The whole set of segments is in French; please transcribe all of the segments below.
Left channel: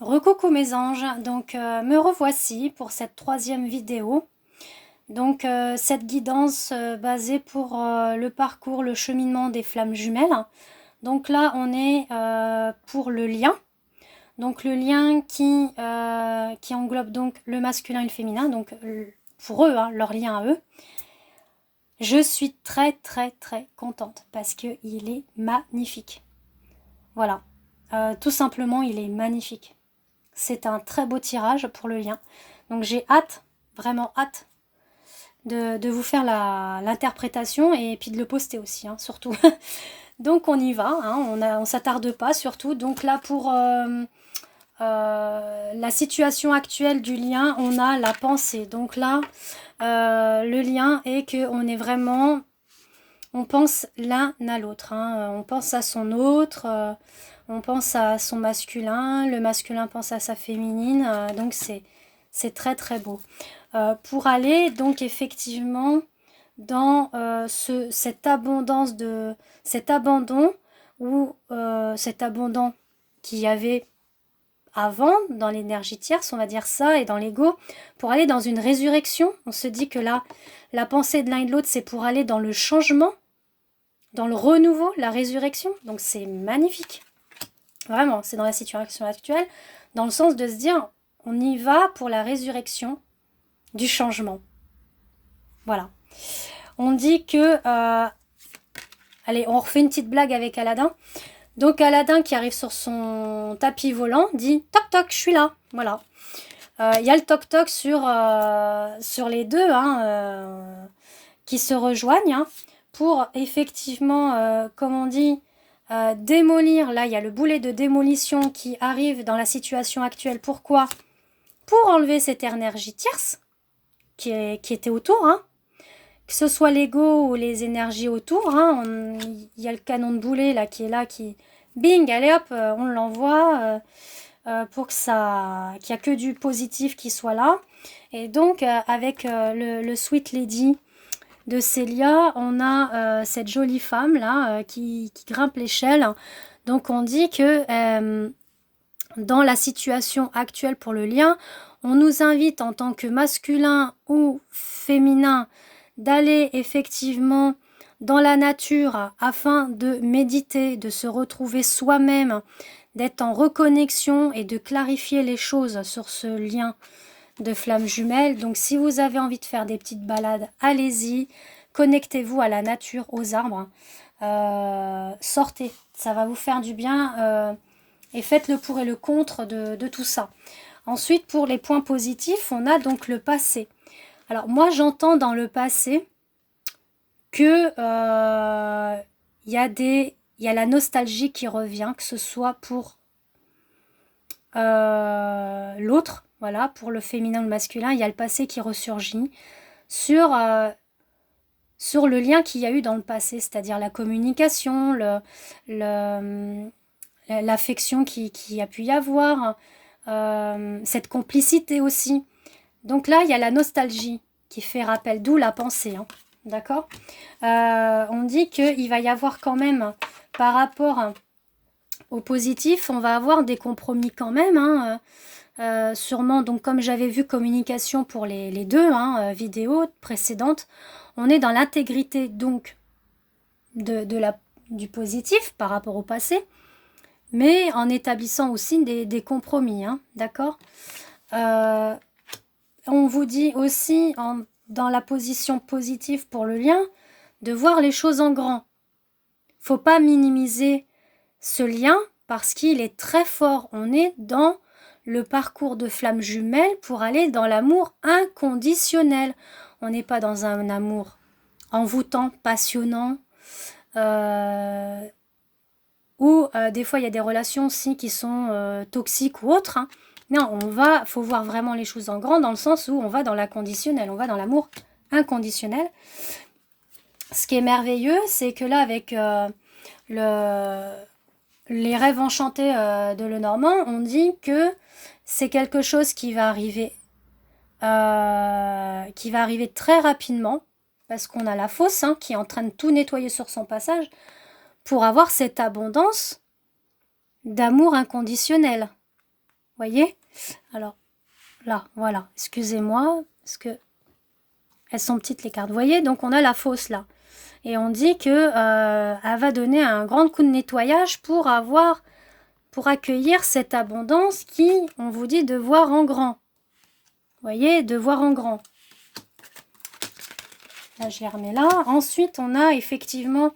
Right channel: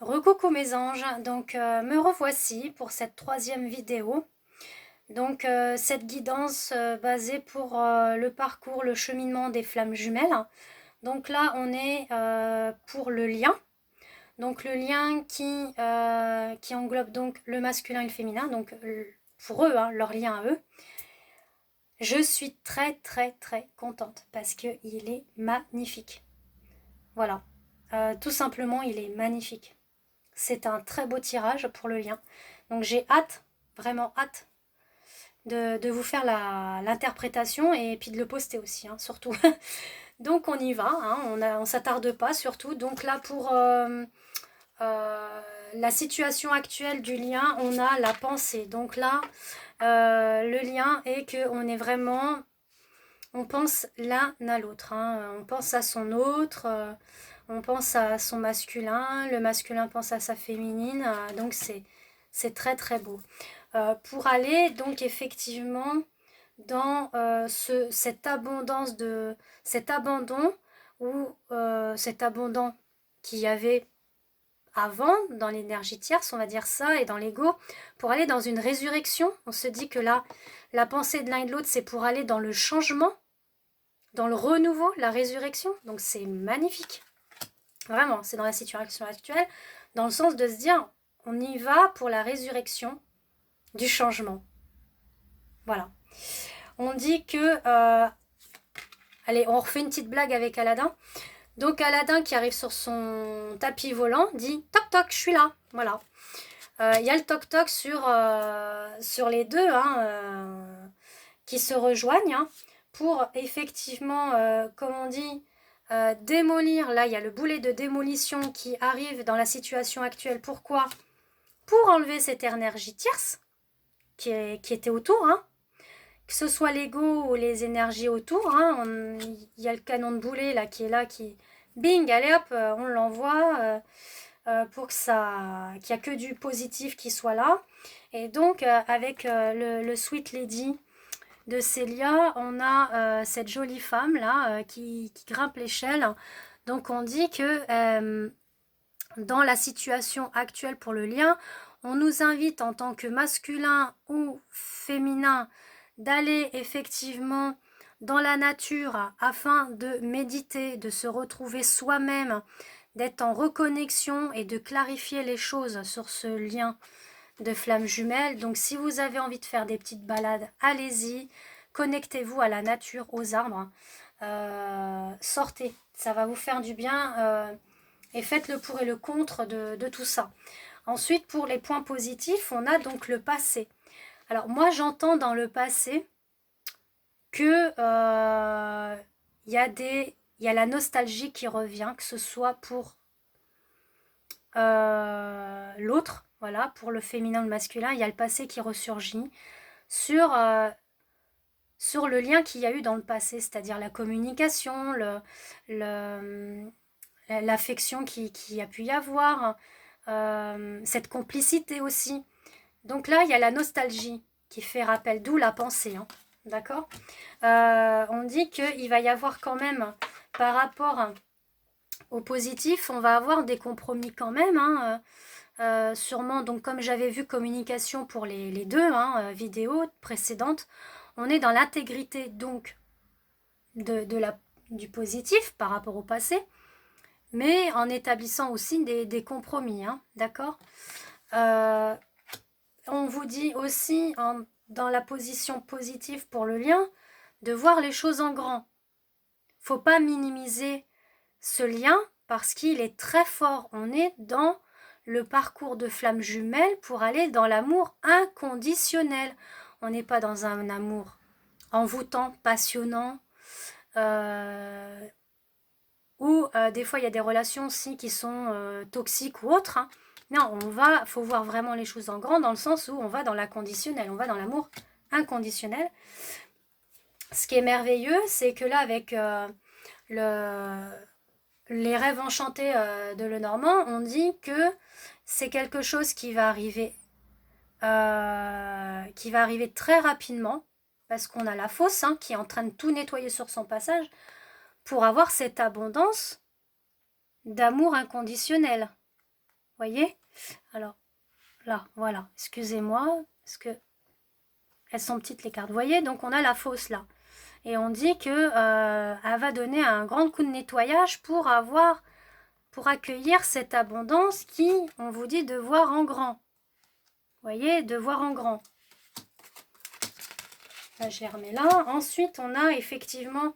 Recoucou mes anges, donc me revoici pour cette troisième vidéo. Donc cette guidance basée pour le parcours, le cheminement des flammes jumelles. Donc là on est pour le lien. Donc le lien qui englobe donc le masculin et le féminin, donc pour eux, hein, leur lien à eux. Je suis très très très contente parce qu'il est magnifique. Voilà, tout simplement il est magnifique. C'est un très beau tirage pour le lien. Donc j'ai hâte, vraiment hâte, de vous faire l'interprétation et puis de le poster aussi, hein, surtout. Donc on y va, hein, on s'attarde pas surtout. Donc là pour la situation actuelle du lien, on a la pensée. Donc là, le lien est qu'on est vraiment, on pense l'un à l'autre, hein. On pense à son autre, on pense à son masculin, le masculin pense à sa féminine, donc c'est très très beau. Pour aller donc effectivement dans cette abondance cet abandon ou cet abandon qu'il y avait avant dans l'énergie tierce, on va dire ça, et dans l'ego, pour aller dans une résurrection. On se dit que là, la pensée de l'un et de l'autre, c'est pour aller dans le changement, dans le renouveau, la résurrection. Donc c'est magnifique. Vraiment, c'est dans la situation actuelle, dans le sens de se dire, on y va pour la résurrection du changement. Voilà. On dit que... allez, on refait une petite blague avec Aladdin. Donc Aladdin qui arrive sur son tapis volant dit « Toc toc, je suis là ». Voilà. Il y a le toc toc sur les deux qui se rejoignent, hein, pour effectivement, comme on dit, démolir. Là, il y a le boulet de démolition qui arrive dans la situation actuelle. Pourquoi? Pour enlever cette énergie tierce qui était autour, hein. Que ce soit l'ego ou les énergies autour, hein. Il y a le canon de boulet là qui est là, qui bing, allez hop, on l'envoie pour que ça, qu'il n'y a que du positif qui soit là. Et donc avec le Sweet Lady de Célia, on a cette jolie femme là qui grimpe l'échelle. Donc on dit que dans la situation actuelle pour le lien, on nous invite en tant que masculin ou féminin d'aller effectivement dans la nature afin de méditer, de se retrouver soi-même, d'être en reconnexion et de clarifier les choses sur ce lien de flammes jumelles. Donc si vous avez envie de faire des petites balades, allez-y, connectez-vous à la nature, aux arbres, sortez, ça va vous faire du bien et faites le pour et le contre de tout ça. Ensuite, pour les points positifs, on a donc le passé. Alors moi j'entends dans le passé que il y a la nostalgie qui revient, que ce soit pour l'autre, voilà, pour le féminin ou le masculin, il y a le passé qui ressurgit sur, sur le lien qu'il y a eu dans le passé, c'est-à-dire la communication, l'affection qui a pu y avoir, cette complicité aussi. Donc là, il y a la nostalgie qui fait rappel, d'où la pensée, hein, d'accord. On dit qu'il va y avoir quand même, par rapport au positif, on va avoir des compromis quand même, hein, sûrement, donc comme j'avais vu communication pour les deux vidéos précédentes, on est dans l'intégrité donc du positif par rapport au passé, mais en établissant aussi des compromis, hein, d'accord. On vous dit aussi dans la position positive pour le lien de voir les choses en grand. Faut pas minimiser ce lien parce qu'il est très fort. On est dans le parcours de flammes jumelles pour aller dans l'amour inconditionnel. On n'est pas dans un amour envoûtant, passionnant, ou des fois il y a des relations aussi qui sont toxiques ou autres, hein. Non, faut voir vraiment les choses en grand dans le sens où on va dans l'inconditionnel, on va dans l'amour inconditionnel. Ce qui est merveilleux, c'est que là avec les rêves enchantés de Lenormand, on dit que c'est quelque chose qui va arriver très rapidement, parce qu'on a la fosse, hein, qui est en train de tout nettoyer sur son passage, pour avoir cette abondance d'amour inconditionnel. Voyez? Alors, là, voilà. Excusez-moi, parce que elles sont petites les cartes. Vous voyez? Donc, on a la fausse, là. Et on dit que elle va donner un grand coup de nettoyage pour accueillir cette abondance qui, on vous dit, de voir en grand. Vous voyez? De voir en grand. Là, je les remets là. Ensuite, on a effectivement,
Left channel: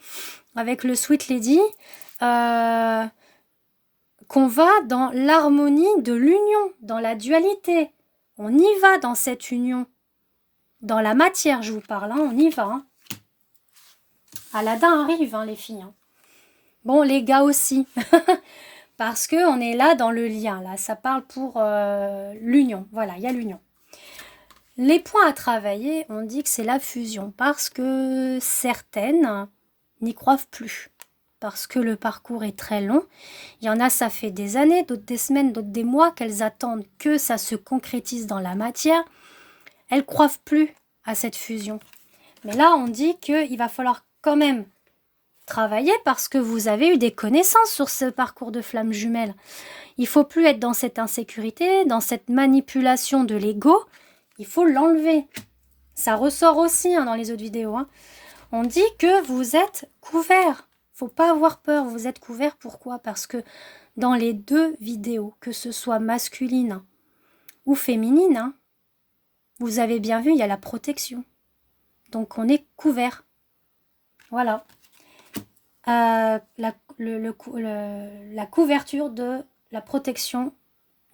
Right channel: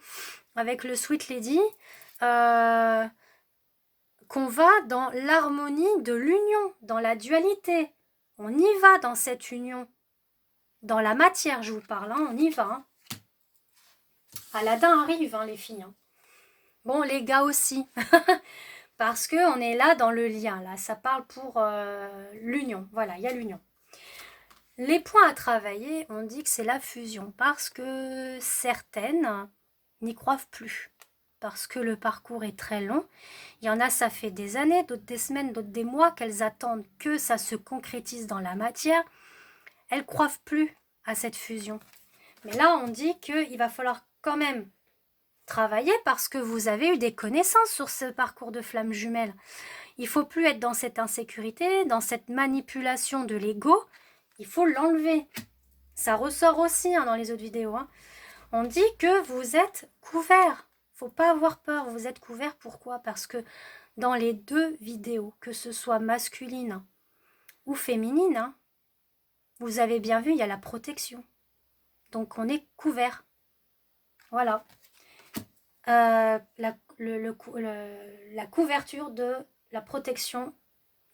avec le Sweet Lady, qu'on va dans l'harmonie de l'union, dans la dualité. On y va dans cette union. Dans la matière, je vous parle, hein, on y va. Hein. Aladdin arrive, hein, les filles. Hein. Bon, les gars aussi. Parce qu'on est là dans le lien. Là, ça parle pour l'union. Voilà, il y a l'union. Les points à travailler, on dit que c'est la fusion. Parce que certaines n'y croient plus. Parce que le parcours est très long. Il y en a, ça fait des années, d'autres des semaines, d'autres des mois qu'elles attendent que ça se concrétise dans la matière. Elles ne croient plus à cette fusion. Mais là, on dit qu'il va falloir quand même travailler parce que vous avez eu des connaissances sur ce parcours de flammes jumelles. Il ne faut plus être dans cette insécurité, dans cette manipulation de l'ego. Il faut l'enlever. Ça ressort aussi hein, dans les autres vidéos. Hein. On dit que vous êtes couverts. Faut pas avoir peur, vous êtes couverts. Pourquoi? Parce que dans les deux vidéos, que ce soit masculine ou féminine, hein, vous avez bien vu, il y a la protection. Donc on est couvert. Voilà. La couverture de la protection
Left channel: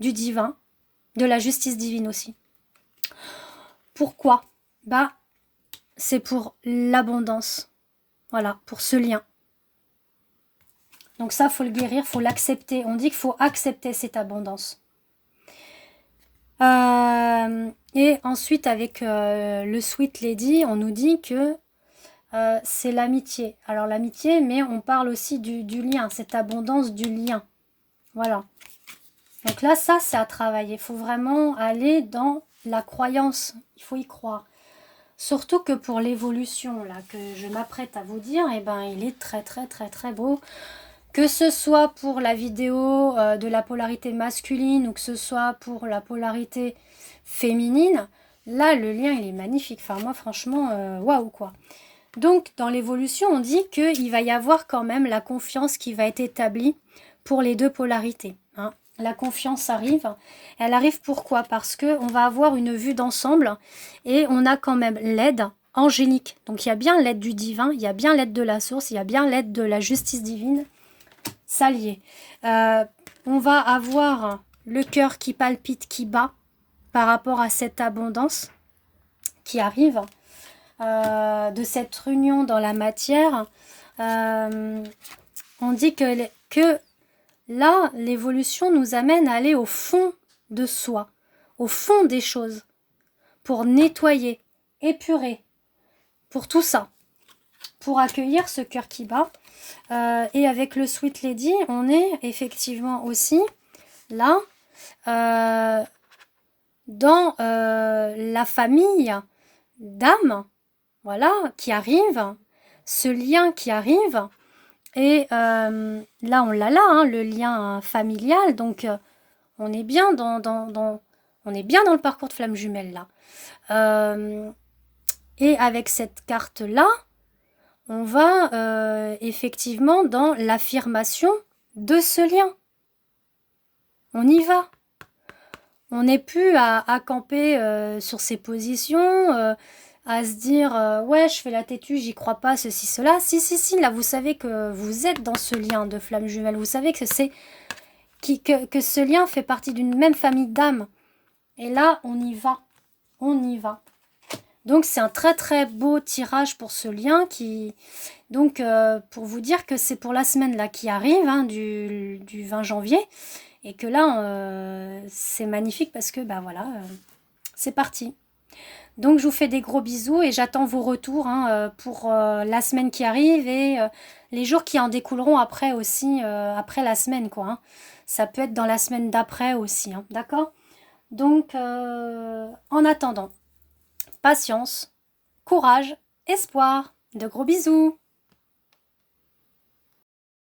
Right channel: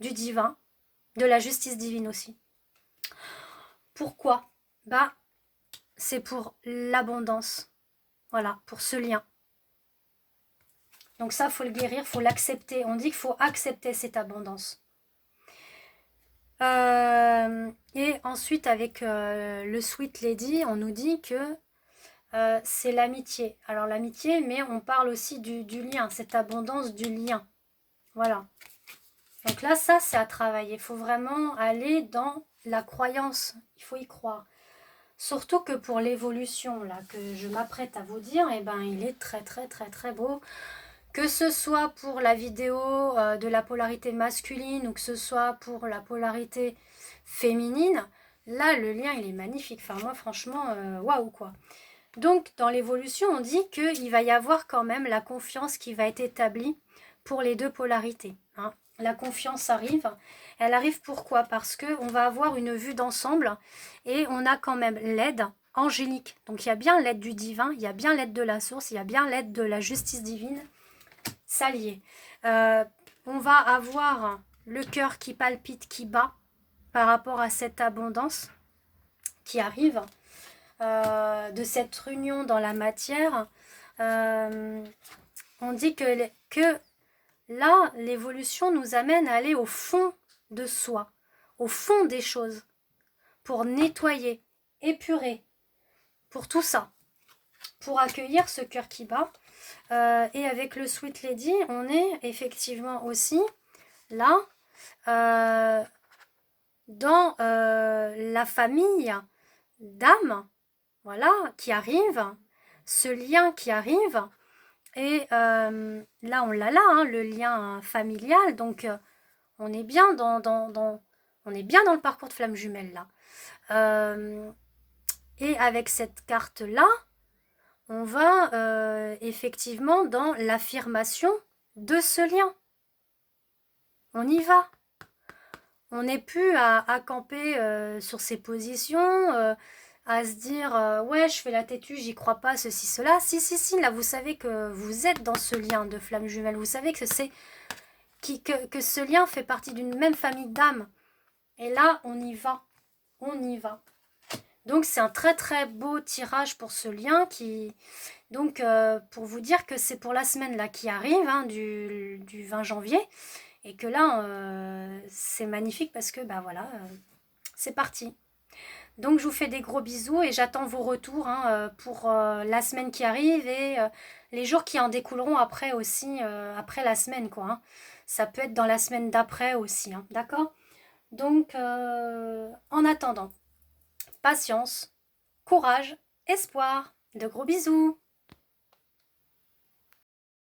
du divin, de la justice divine aussi. Pourquoi? Bah, c'est pour l'abondance. Voilà, pour ce lien. Donc ça, il faut le guérir, il faut l'accepter. On dit qu'il faut accepter cette abondance. Et ensuite, avec le Sweet Lady, on nous dit que c'est l'amitié. Alors l'amitié, mais on parle aussi du lien, cette abondance du lien. Voilà. Donc là, ça, c'est à travailler. Il faut vraiment aller dans la croyance. Il faut y croire. Surtout que pour l'évolution, là, que je m'apprête à vous dire, eh ben, il est très, très, très, très beau. Que ce soit pour la vidéo de la polarité masculine ou que ce soit pour la polarité féminine, là, le lien, il est magnifique. Enfin, moi, franchement, waouh, quoi. Donc, dans l'évolution, on dit qu'il va y avoir quand même la confiance qui va être établie pour les deux polarités. Hein. La confiance arrive. Elle arrive pourquoi? Parce qu'on va avoir une vue d'ensemble et on a quand même l'aide angélique. Donc, il y a bien l'aide du divin, il y a bien l'aide de la source, il y a bien l'aide de la justice divine. S'allier. On va avoir le cœur qui palpite, qui bat par rapport à cette abondance qui arrive. De cette union dans la matière, on dit que là, l'évolution nous amène à aller au fond de soi, au fond des choses, pour nettoyer, épurer, pour tout ça, pour accueillir ce cœur qui bat. Et avec le Sweet Lady, on est effectivement aussi là, dans la famille d'âmes, voilà, qui arrive, ce lien qui arrive, et là on l'a là, hein, le lien familial, donc on est bien on est bien dans le parcours de flamme jumelle là. Et avec cette carte là, on va effectivement dans l'affirmation de ce lien. On y va. On n'est plus à camper sur ses positions, à se dire ouais, je fais la têtue, j'y crois pas, ceci, cela. Si, si, si, là, vous savez que vous êtes dans ce lien de flamme jumelle. Vous savez que que ce lien fait partie d'une même famille d'âmes. Et là, on y va. On y va. Donc, c'est un très, très beau tirage pour ce lien qui... Donc, pour vous dire que c'est pour la semaine là qui arrive, hein, du 20 janvier. Et que là, c'est magnifique parce que, bah voilà, c'est parti. Donc, je vous fais des gros bisous et j'attends vos retours hein, pour la semaine qui arrive et les jours qui en découleront après aussi, après la semaine, quoi. Hein. Ça peut être dans la semaine d'après aussi, hein, d'accord? Donc, en attendant, patience, courage, espoir. De gros bisous!